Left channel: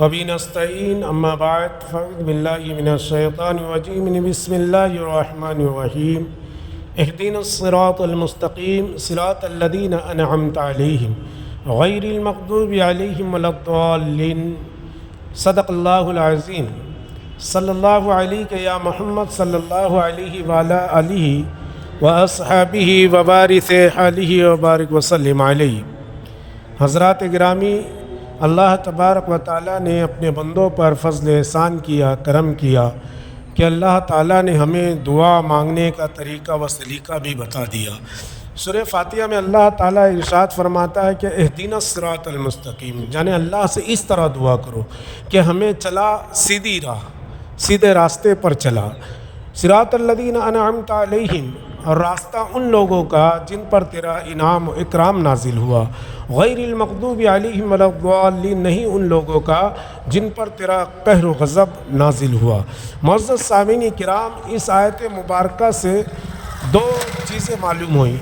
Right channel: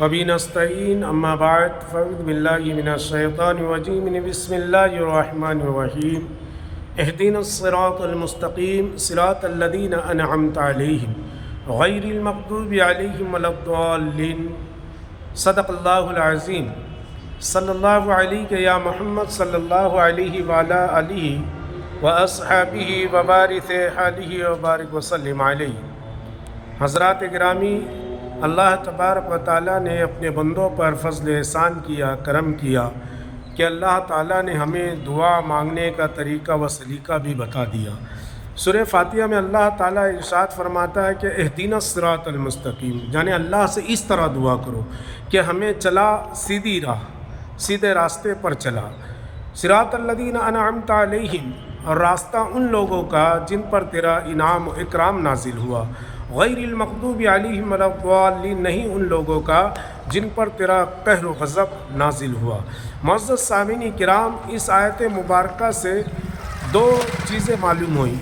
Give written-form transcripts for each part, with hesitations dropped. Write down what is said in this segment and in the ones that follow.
وبه نستعين أما بعد فأعوذ بالله من الشيطان الرجيم بسم الله الرحمن الرحيم اهدنا الصراط المستقيم صراط الذين أنعمت عليهم غير المغضوب عليهم ولا الضالين صدق الله العظيم صلی اللہ علیہ یا محمد صلی اللہ علیہ وعلی آلہ وأصحابہ وبارک علیہ وبارک وسلم علیہ۔ حضرات گرامی، اللہ تبارک و تعالیٰ نے اپنے بندوں پر فضل احسان کیا، کرم کیا کہ اللہ تعالیٰ نے ہمیں دعا مانگنے کا طریقہ و سلیقہ بھی بتا دیا۔ سورہ فاتحہ میں اللہ تعالیٰ ارشاد فرماتا ہے کہ اہدنا الصراط المستقیم، یعنی اللہ سے اس طرح دعا کرو کہ ہمیں چلا سیدھی راہ، سیدھے راستے پر چلا۔ صراط الذین انعمت علیہم، اور راستہ ان لوگوں کا جن پر تیرا انعام و اکرام نازل ہوا۔ غیر المغضوب علیہم ولا الضالین، نہیں ان لوگوں کا جن پر تیرا قہر و غضب نازل ہوا۔ معزز سامعین کرام، اس آیت مبارکہ سے دو چیزیں معلوم ہوئیں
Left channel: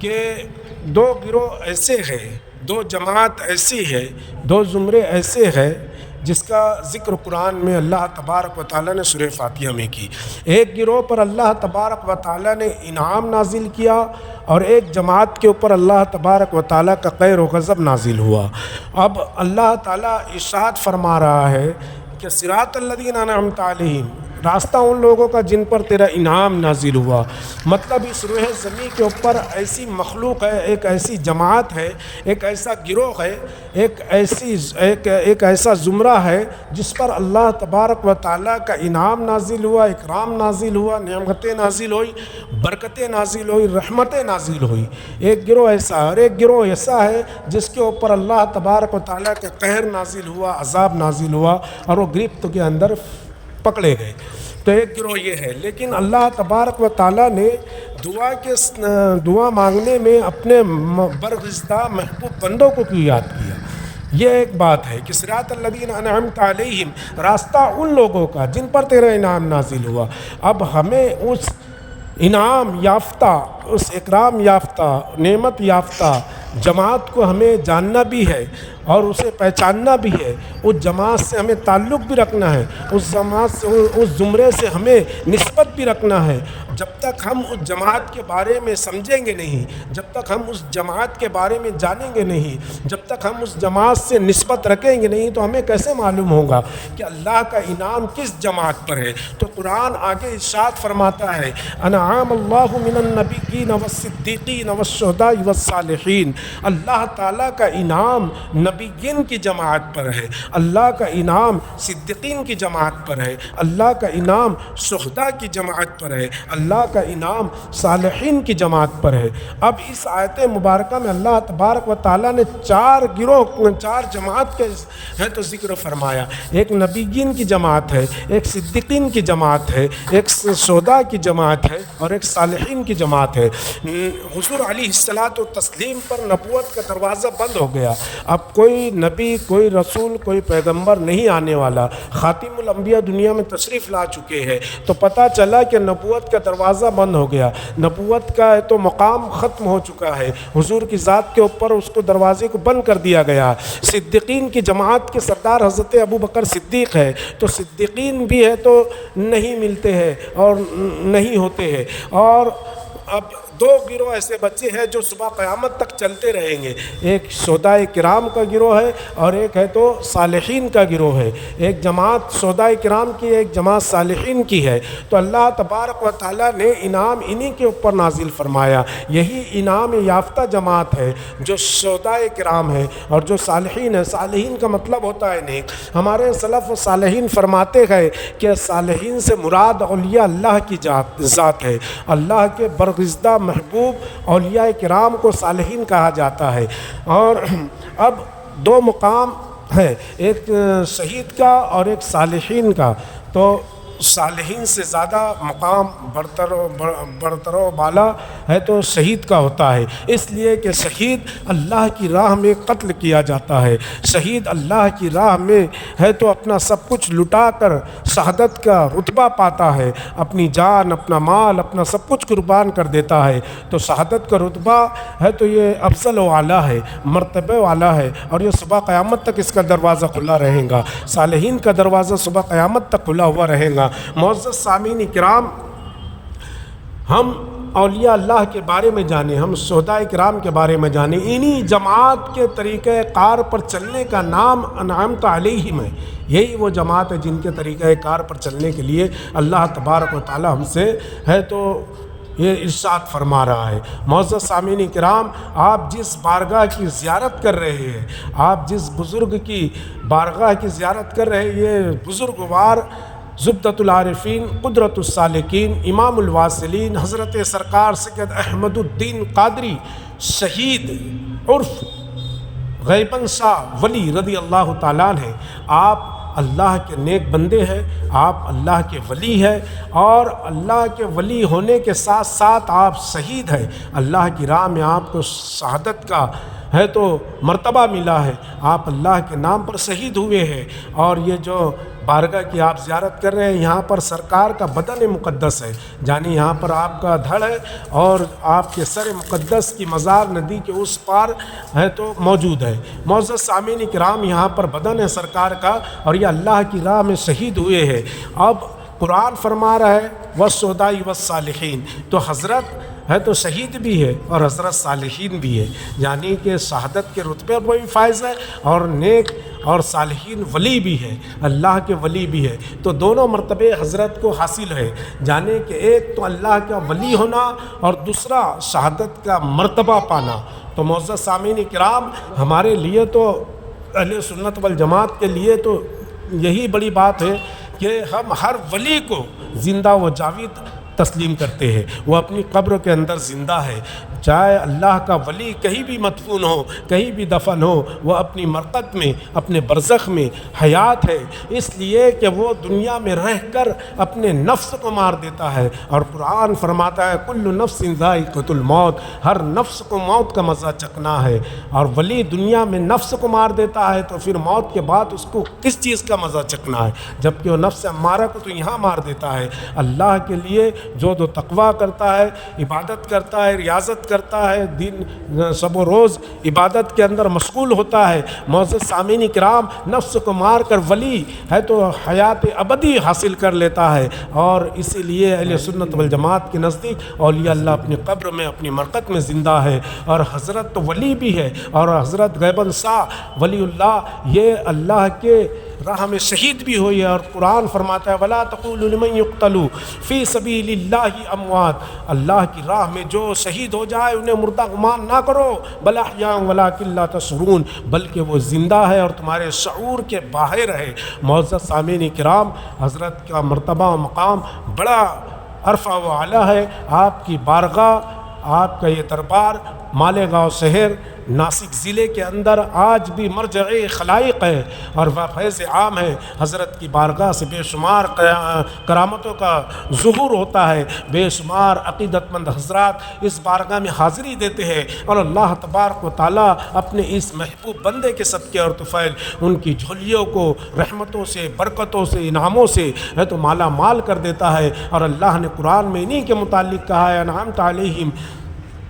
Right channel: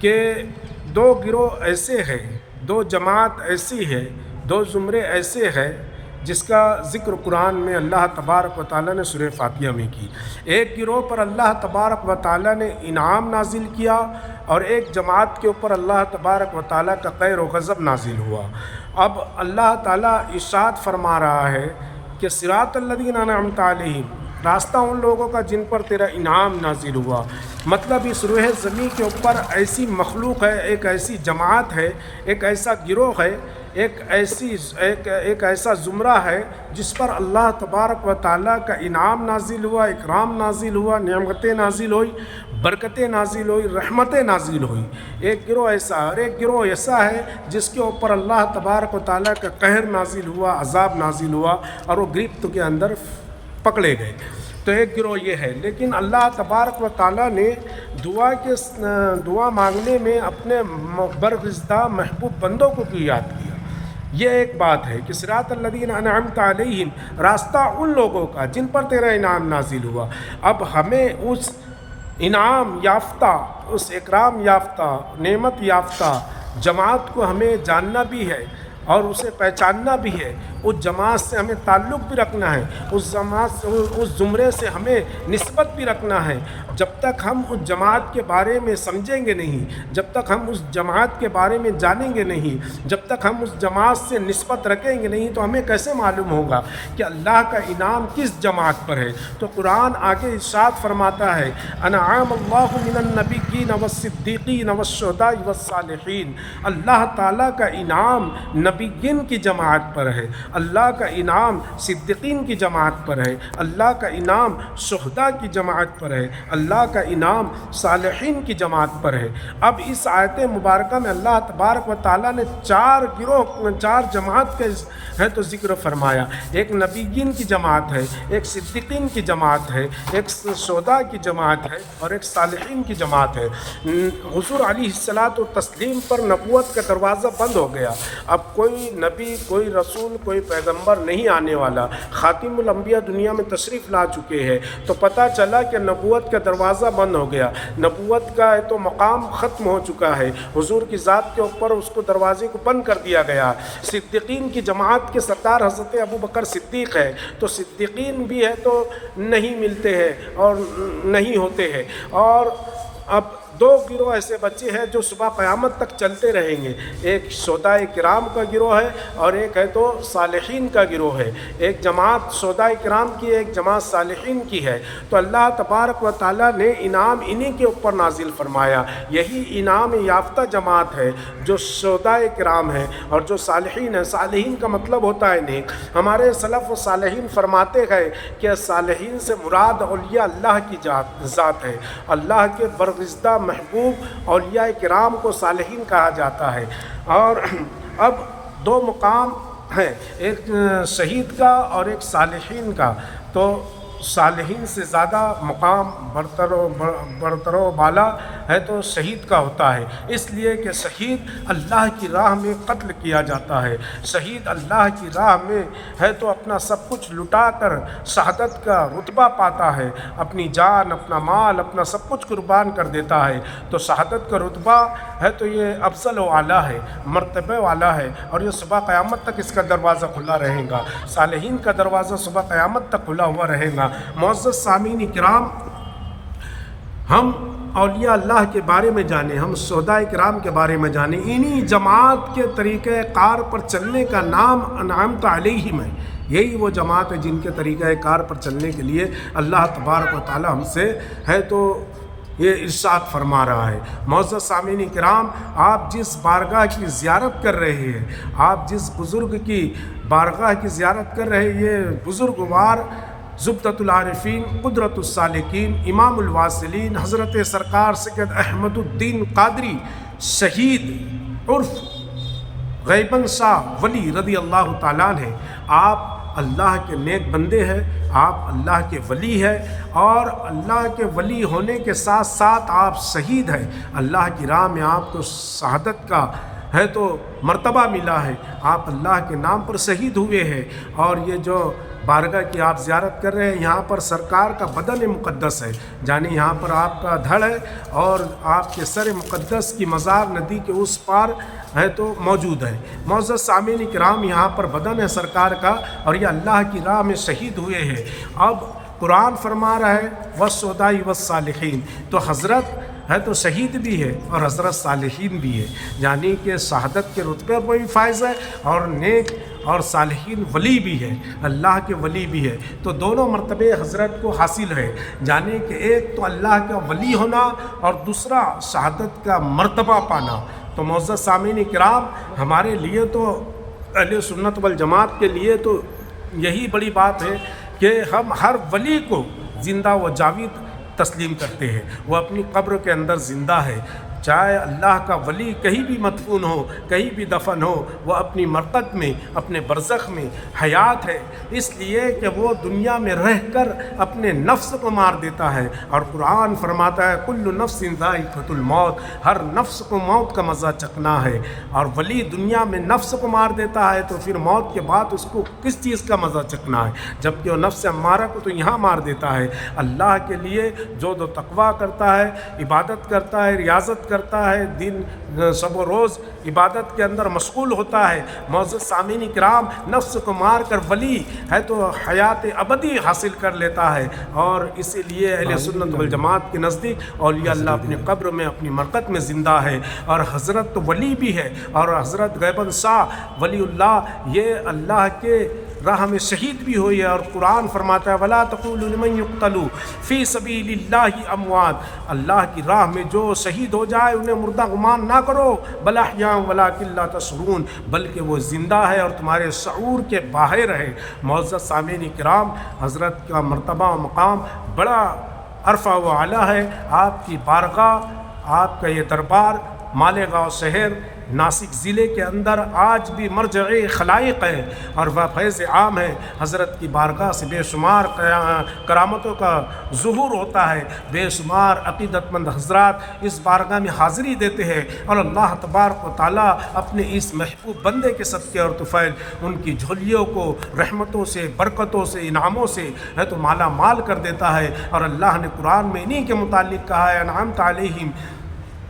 کہ دو گروہ ایسے ہیں، دو جماعت ایسی ہے، دو زمرے ایسے ہیں جس کا ذکر قرآن میں اللہ تبارک و تعالیٰ نے سورہ فاتحہ میں کی۔ ایک گروہ پر اللہ تبارک و تعالیٰ نے انعام نازل کیا اور ایک جماعت کے اوپر اللہ تبارک و تعالیٰ کا قہر و غضب نازل ہوا۔ اب اللہ تعالیٰ ارشاد فرما رہا ہے کہ صراط الذین انعمت علیہم، راستہ ان لوگوں کا جن پر تیرا انعام نازل ہوا۔ مطلب اس روح زمین کے اوپر ایسی مخلوق ہے، ایک ایسی جماعت ہے، ایک ایسا گروہ ہے، ایک ایسا زمرہ ہے جس پر اللہ تبارک و تعالیٰ کا انعام نازل ہوا، اکرام نازل ہوا، نعمتیں نازل ہوئی، برکتیں نازل ہوئی، رحمتیں نازل ہوئی۔ ایک گروہ ایسا، اور ایک گروہ ایسا ہے جس کے اوپر اللہ تبارک و تعالیٰ کا قہر نازل ہوا، عذاب نازل ہوا اور وہ گرفت کے اندر پکڑے گئے۔ تو ایک گروہ یہ ہے، لیکن اللہ تبارک و تعالیٰ نے دعا مانگنے میں اپنے برگزیدہ محبوب بندوں کو کیوں یاد کیا؟ یہ ایک بات ہے کہ صراط الذین انعمت علیہم، راستہ ان لوگوں کا جن پر تیرا انعام نازل ہوا۔ اب ہمیں اس انعام یافتہ، اس اکرام یافتہ، نعمت یافتہ جماعت کو ہمیں جاننا بھی ہے اور اسے پہچاننا بھی ہے۔ اس جماعت سے ہمیں تعلق بھی رکھنا ہے، اس جماعت سے، اس زمرے سے ہمیں نسبت بھی رکھنا ہے۔ جب تک ہم اس جماعت کے بارے میں سمجھیں گے نہیں، جب تک ہم اس جماعت کے بارے میں جانیں گے نہیں، جب تک ہم اس جماعت سے نسبت رکھیں گے نہیں، تو ہمیں کیسے معلوم ہوگا کہ اللہ کا انعام کس جماعت پر ہے؟ تو قرآن آگے ارشاد فرماتا ہے، انعام اللہ من النبیین والصدیقین والشہداء والصالحین، اللہ تعالیٰ کا انعام نبیین کی جماعت پر ہے، اللہ کا انعام صدیقین کی جماعت پر ہے، اللہ کا انعام شہداء کی جماعت پر ہے، اللہ کا انعام صالحین کی جماعت پر ہے۔ اب اس آیت مبارکہ میں اللہ تبارک و تعالیٰ نے چار گروہ، چار جماعت کے ہے تو ذکر فرمایا۔ ایک نبیین کی جماعت ہے، ایک صدیقین کی جماعت ہے، ایک شہداء کی جماعت ہے اور ایک صالحین کی جماعت ہے۔ حضور علیہ الصلاۃ والتسلیم پر نبوت کا دروازہ بند ہو گیا، اب کوئی نبی، کوئی رسول، کوئی پیغمبر نہیں آنے والا۔ خاتم الانبیاء دنیا میں تشریف لا چکے ہیں، تو پتہ چلا کہ نبوت کا دروازہ بند ہو گیا، نبوت کا تو مقام ختم ہو چکا ہے، حضور کی ذات کے اوپر اس کو دروازے کو بند کر دیا گیا۔ صدیقین کی جماعت کے سردار حضرت ابو بکر صدیق ہے، تو صدیقین بھی ہے تو نہیں ملتے ہیں اور نہیں ہوتے ہیں۔ اور اب دو گروہ ایسے بچے ہیں جو صبح قیامت تک چلتے رہیں گے، ایک شہداء کرام کا گروہ ہے اور ایک ہے تو صالحین کا گروہ ہے۔ ایک جماعت شہداء کرام کی ہے، ایک جماعت صالحین کی ہے۔ تو اللہ تبارک و تعالیٰ نے انعام انہی کے اوپر نازل فرمایا۔ یہی انعام یافتہ جماعت ہے جو شہداء کرام ہے اور جو صالحین ہے۔ صالحین کا مطلب ہوتا ہے نیک۔ ہمارے سلف و صالحین فرماتے ہیں کہ صالحین سے مراد اولیاء اللہ کی ذات ہے، اللہ کے برگزیدہ محبوب اولیاء کرام کو صالحین کہا جاتا ہے۔ اور اب دو مقام ہیں، ایک شہید کا اور ایک صالحین کا۔ تو صالحین سے زیادہ مقام برتر و بالا ہے تو شہید کا ہوتا ہے، اس لیے کہ شہید اللہ کی راہ میں قتل کیا جاتا ہے، شہید اللہ کی راہ میں ہے تو اپنا سب کچھ لٹا کر شہادت کا رتبہ پاتا ہے، اپنی جان، اپنا مال، اپنا سب کچھ قربان کر دیتا ہے، تو شہادت کا رتبہ ہے تو یہ افضل و اعلیٰ ہے، مرتبہ والا ہے، اور یہ صبح قیامت تک اس کا دروازہ کھلا رہے گا، صالحین کا دروازہ صبح قیامت تک کھلا ہوا رہے گا۔ معزز سامعین کرام، ہم اولیاء اللہ کے بارے میں جانیں، ہم شہداء کرام کے بارے میں جانیں، انہی جماعت کے طریقہ کار پر چلنے کا نام انعمت علیہم ہے۔ یہی وہ جماعت ہے جن کے طریقہ کار پر چلنے کے لیے اللہ تبارک و تعالی ہم سے ہے تو یہ ارشاد فرما رہا ہے۔ معزز سامعین کرام، آپ جس بارگاہ کی زیارت کر رہے ہیں، آپ جس بزرگ کی بارگاہ کی زیارت کر رہے ہیں، یہ بزرگوار زبدۃ العارفین، قدرۃ السالکین، امام الواصلین، حضرت سرکار سید احمد الدین قادری شہید عرف غیبن شاہ ولی رضی اللہ تعالیٰ عنہ، آپ اللہ کے نیک بندے ہیں، آپ اللہ کے ولی ہیں، اور اللہ کے ولی ہونے کے ساتھ ساتھ آپ شہید ہیں۔ اللہ کی راہ میں آپ کو شہادت کا ہے تو مرتبہ ملا ہے، آپ اللہ کے نام پر شہید ہوئے ہیں، اور یہ جو بارگاہ کی آپ زیارت کر رہے ہیں، یہاں پر سرکار کا بدن مقدس ہے، یعنی یہاں پر آپ کا دھڑ ہے، اور آپ کے سر مقدس کی مزار ندی کے اس پار ہے تو موجود ہے۔ معزز سامعین کرام، یہاں پر بدن ہے سرکار کا، اور یہ اللہ کی راہ میں شہید ہوئے ہیں۔ اب قرآن فرما رہا ہے والشہداء والصالحین، تو حضرت ہے تو شہید بھی ہے اور حضرت صالحین بھی ہے، یعنی کہ شہادت کے رتبے پر بھی فائز ہے، اور نیک اور صالحین ولی بھی ہے، اللہ کے ولی بھی ہے، تو دونوں مرتبے حضرت کو حاصل ہے، یعنی کہ ایک تو اللہ کا ولی ہونا اور دوسرا شہادت کا مرتبہ پانا۔ تو معزز سامعین کرام، ہمارے لیے تو اہل سنت والجماعت کے لیے تو یہی بڑی بات ہے کہ ہم ہر ولی کو زندہ و جاوید تسلیم کرتے ہیں، وہ اپنی قبر کے اندر زندہ ہے، چاہے اللہ کا ولی کہیں بھی مدفون ہو، کہیں بھی دفن ہو، وہ اپنی مرقد میں، اپنے برزخ میں حیات ہے، اس لیے کہ وہ دنیا میں رہ کر اپنے نفس کو مار دیتا ہے، اور قرآن فرماتا ہے کل نفس ذائقۃ الموت، ہر نفس کو موت کا مزہ چکھنا ہے، اور ولی دنیا میں نفس کو مار دیتا ہے تو پھر موت کے بعد اس کو کس چیز کا مزہ چکھنا ہے، جبکہ وہ نفس امارہ کو تو یہاں مار دیتا ہے۔ اللہ کے لیے جو تقویٰ کرتا ہے، عبادت کرتا ہے، ریاضت کرتا ہے، دن شب و روز عبادت کے اندر مشغول ہوتا ہے، معزز سامعین کرام، نفس کو مار کر ولی ہے تو حیات ابدی حاصل کر لیتا ہے، اور اسی لیے اہل سنت والجماعت کے نزدیک اولیاء اللہ اپنی قبر میں، اپنی مرقد میں زندہ ہے، اور حضرت تو ولی بھی ہے، اور حضرت غیبن شاہ ولی اللہ یہ اللہ کے راہ میں شہید بھی ہوئی ہے، اور قرآن فرماتا ہے وَلَا تَقُولُوا لِمَن يُقْتَلُ فِي سَبِيلِ اللَّهِ أَمْوَاتٌ، اللہ کی راہ میں جو شہید ہو جائے انہیں مردہ گمان نہ کرو، بَلْ أَحْيَاءٌ وَلَٰكِن لَّا تَشْعُرُونَ، بلکہ وہ زندہ ہے اور تمہارے شعور کے باہر ہے۔ معزز سامعین کرام، حضرت کا مرتبہ و مقام بڑا عرفہ و اعلیٰ ہے، آپ کی بارگاہ، آپ کا یہ دربار مالیگاؤں شہر ناسک ضلع کے اندر آج بھی مرجع خلائق ہے، اور وہ فیض عام ہے، حضرت کی بارگاہ سے بے شمار کرامتوں کا ظہور ہوتا ہے، بے شمار عقیدت مند حضرات اس بارگاہ میں حاضری دیتے ہیں، اور اللہ تبارک و تعالیٰ اپنے اس محبوب بندے کے صدقے اور طفیل ان کی جھولیوں کو رحمتوں سے، برکتوں سے، انعاموں سے ہے تو مالا مال کر دیتا ہے، اور اللہ نے قرآن میں انہی کے متعلق کہا ہے انعمت علیہم،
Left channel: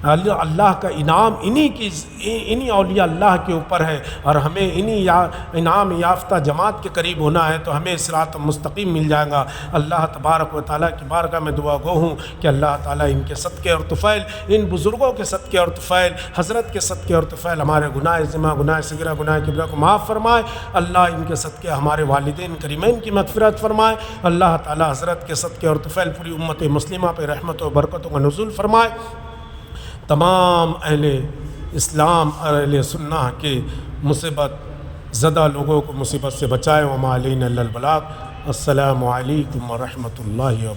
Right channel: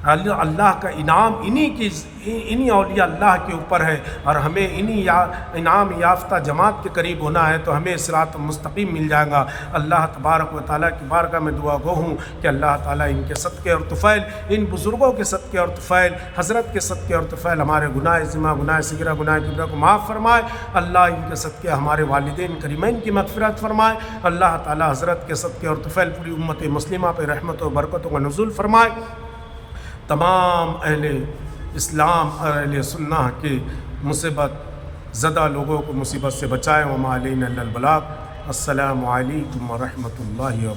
اللہ کا انعام انہی اولیاء اللہ کے اوپر ہے، اور ہمیں انہی انعام یافتہ جماعت کے قریب ہونا ہے تو ہمیں صراط مستقیم مل جائے گا۔ اللہ تبارک و تعالیٰ کی بارگاہ میں دعا گو ہوں کہ اللہ تعالیٰ ان کے صدقے اور طفیل، ان بزرگوں کے صدقے اور طفیل، حضرت کے صدقے اور طفیل ہمارے گناہ ذمہ، گناہ صغیرہ، گناہ کبیرہ کو معاف فرمائے، اللہ ان کے صدقے ہمارے والدین کریمین کی مغفرت فرمائے، اللہ تعالیٰ حضرت کے صدقے اور طفیل پوری امت مسلمہ پہ رحمت و برکتوں کا نزول فرمائے، تمام اہل اسلام اور اہل سنہ کے مصیبت زدہ لوگوں کو مصیبت سے بچائے، وما علینا الا البلاغ۔ السلام علیکم ورحمۃ اللہ وبرکاتہ۔